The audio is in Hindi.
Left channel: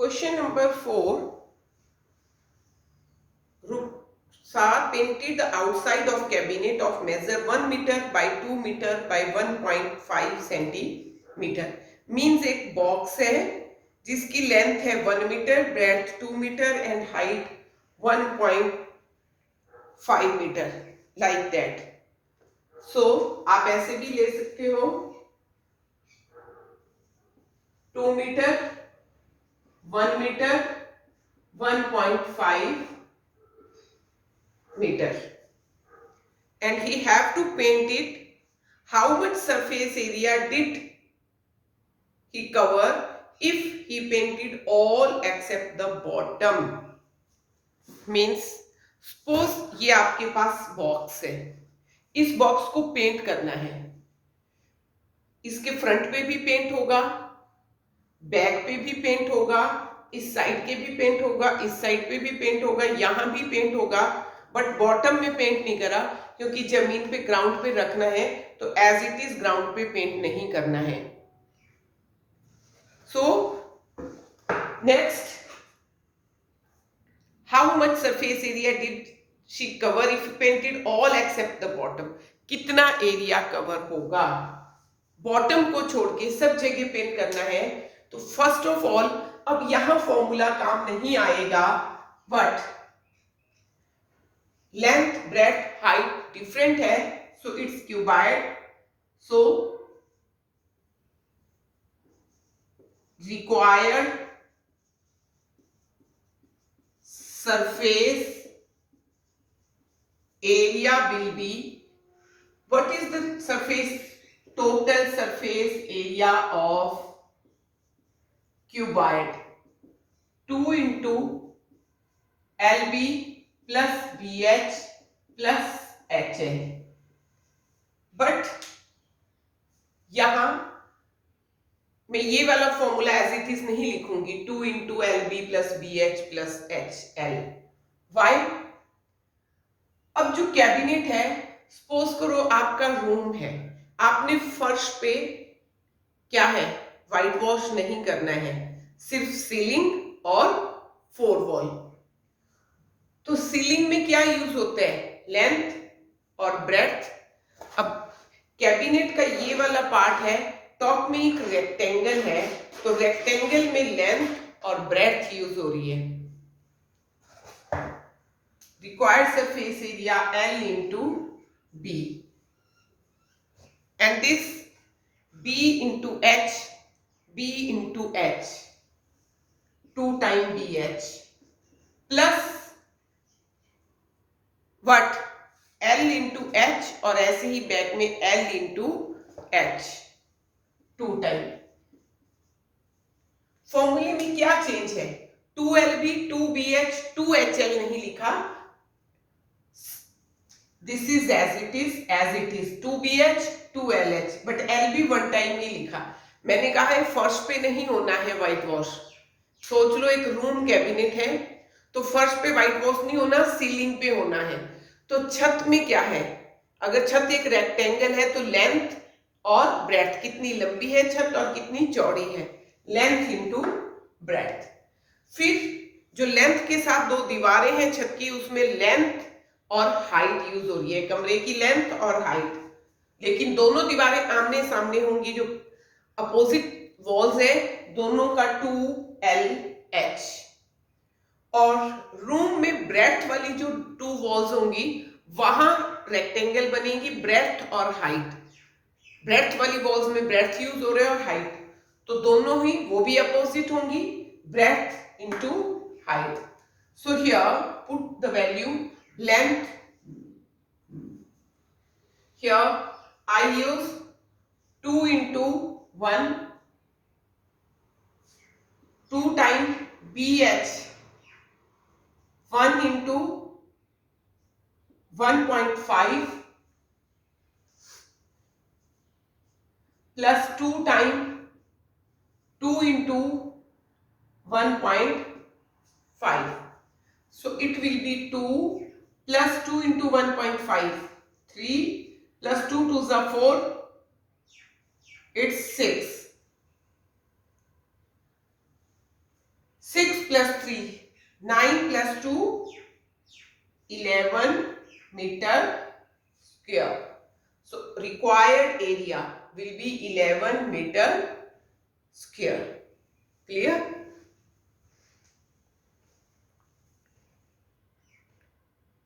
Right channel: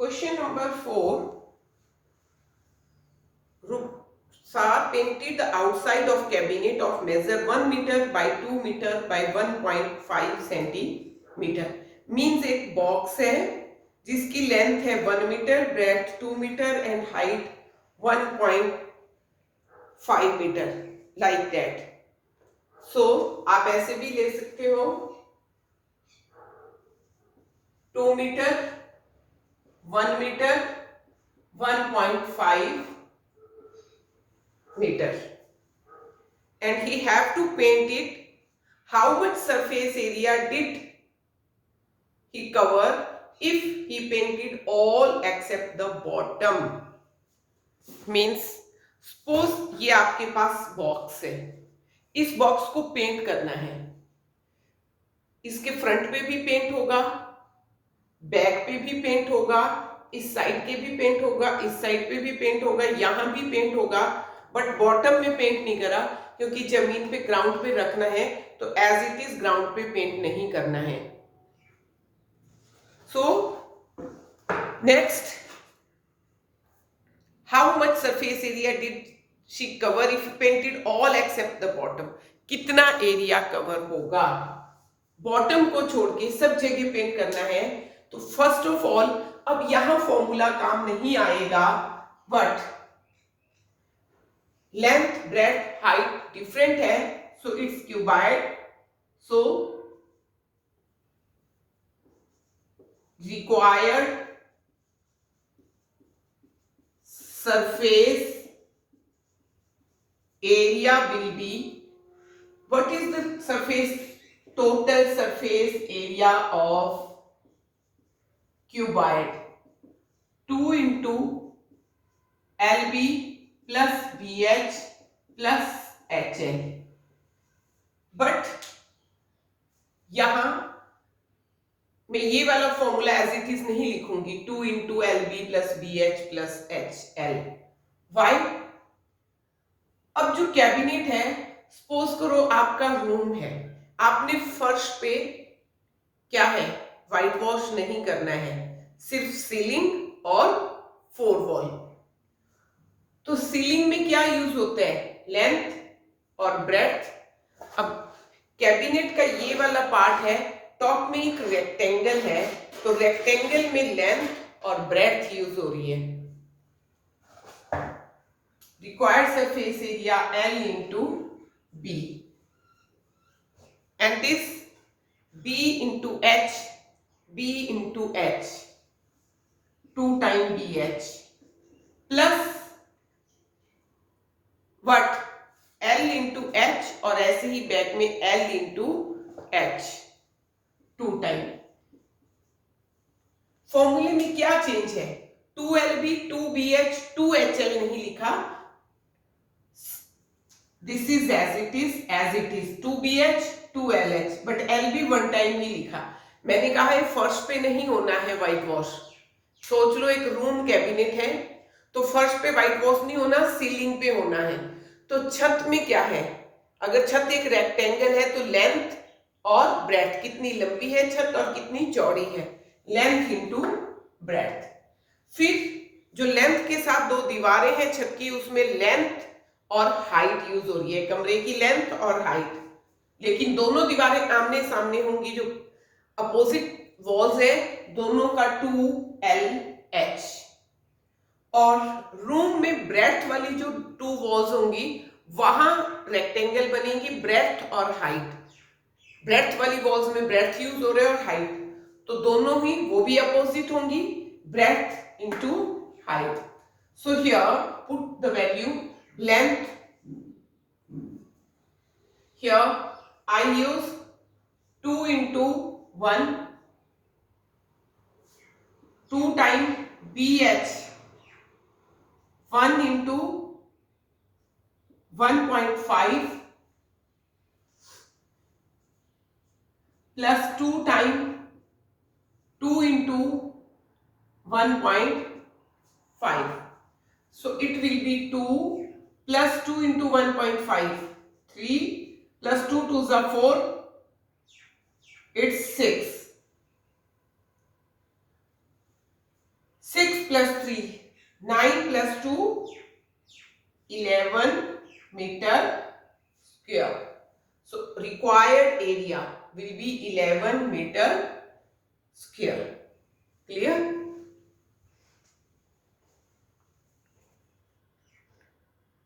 Question number 4. Ruksar painted the outside of cabinet of measure 1 meter by 2 meter by 1.5 centimetre. Means एक बॉक्स है जिसकी लेंथ है 1 metre, breadth 2 metre and height 1.5 metre, like that. So आप ऐसे भी ले सकते हो 2 metre, 1 metre, 1.5 meter, and he have to paint it. How much surface area did he cover if he painted all except the bottom? Means suppose ये आपके पास बॉक्स है, इस बॉक्स को पेंट करना है. इसके फ्रंट पे भी पेंट होगा, बैक पे भी पेंट होगा, इस साइड के भी पेंट होगा, इस साइड पे भी पेंट होगा, यहां भी पेंट होगा, बट बॉटम में पेंट नहीं करा क्योंकि जमीन पे ग्राउंड पे रखना है, तो एज इट इज ग्राउंड पे पेंट नहीं करना है. So next, how much surface area did she cover if painted all except the bottom? कितना एरिया कवर होगा? बॉटम को छोड़ के सब जगह पेंट करना है. तो फर्स्ट ऑफ ऑल, अब यहां फॉर्मूला काम नहीं आएगा, but length, breadth, height different है, so it's cuboid. So required surface area will be, what is the total surface area of cuboid? 2 into LB plus BH plus HL. But यहां मैं ये वाला फॉर्मूला एज इट इज नहीं लिखूंगी, 2 into LB plus BH plus HL. Why? अब जो कैबिनेट है, सपोज करो आपका रूम है, आपने फर्श पे क्या है, व्हाइट वॉश नहीं करना है, सिर्फ सीलिंग और 4 वॉल. तो सीलिंग में क्या यूज होता है, लेंथ और ब्रेथ. अब कैबिनेट का ये वाला पार्ट है, टॉप में एक रेक्टेंगल है, तो रेक्टेंगल में लेंथ और ब्रेथ यूज हो रही है. Required surface area L into B, and this B into H, B into H, 2 time BH plus what L into H, और ऐसे ही बैक में L इंटू H 2 टाइम. फॉर्मूले में क्या चेंज है, 2LB 2BH 2HL नहीं लिखा, this is as it is 2BH 2LH, but LB 1 time नहीं लिखा. मैंने कहा है फर्श पे नहीं होना है व्हाइट वॉश. सोच लो एक रूम कैबिनेट है, तो फर्श पे व्हाइट वॉश नहीं होना, सीलिंग पे होना है. तो छत में क्या है, अगर छत एक रेक्टेंगल है तो लेंथ और ब्रेथ, कितनी लंबी है छत और कितनी चौड़ी है, लेंथ इंटू ब्रेथ. फिर जो लेंथ के साथ 2 दीवारें हैं छत की, उसमें लेंथ और हाइट यूज हो रही है, कमरे की लेंथ और हाइट. लेकिन दोनों दीवारें आमने सामने होंगी, जो अपोजिट वॉल्स है दोनों का 2LH. और रूम में ब्रेथ वाली जो 2 वॉल्स होंगी, वहां रेक्टेंगल बनेगी, ब्रेथ और हाइट. ब्रेथ वाली वॉल्स में ब्रेथ यूज हो रहे हैं और हाइट, तो दोनों ही वो भी अपोजिट होंगी, breath into height. So here put the value length. Here I use 2 into 1, 2 time BH, 1 into 1.5 plus 2 time 2 into 1.5. So it will be 2 plus 2 into 1.5, 3 plus 2 to the 4, it's 6. plus 3, 9 plus 2, 11 meter square. So required area will be 11 meter square. Clear?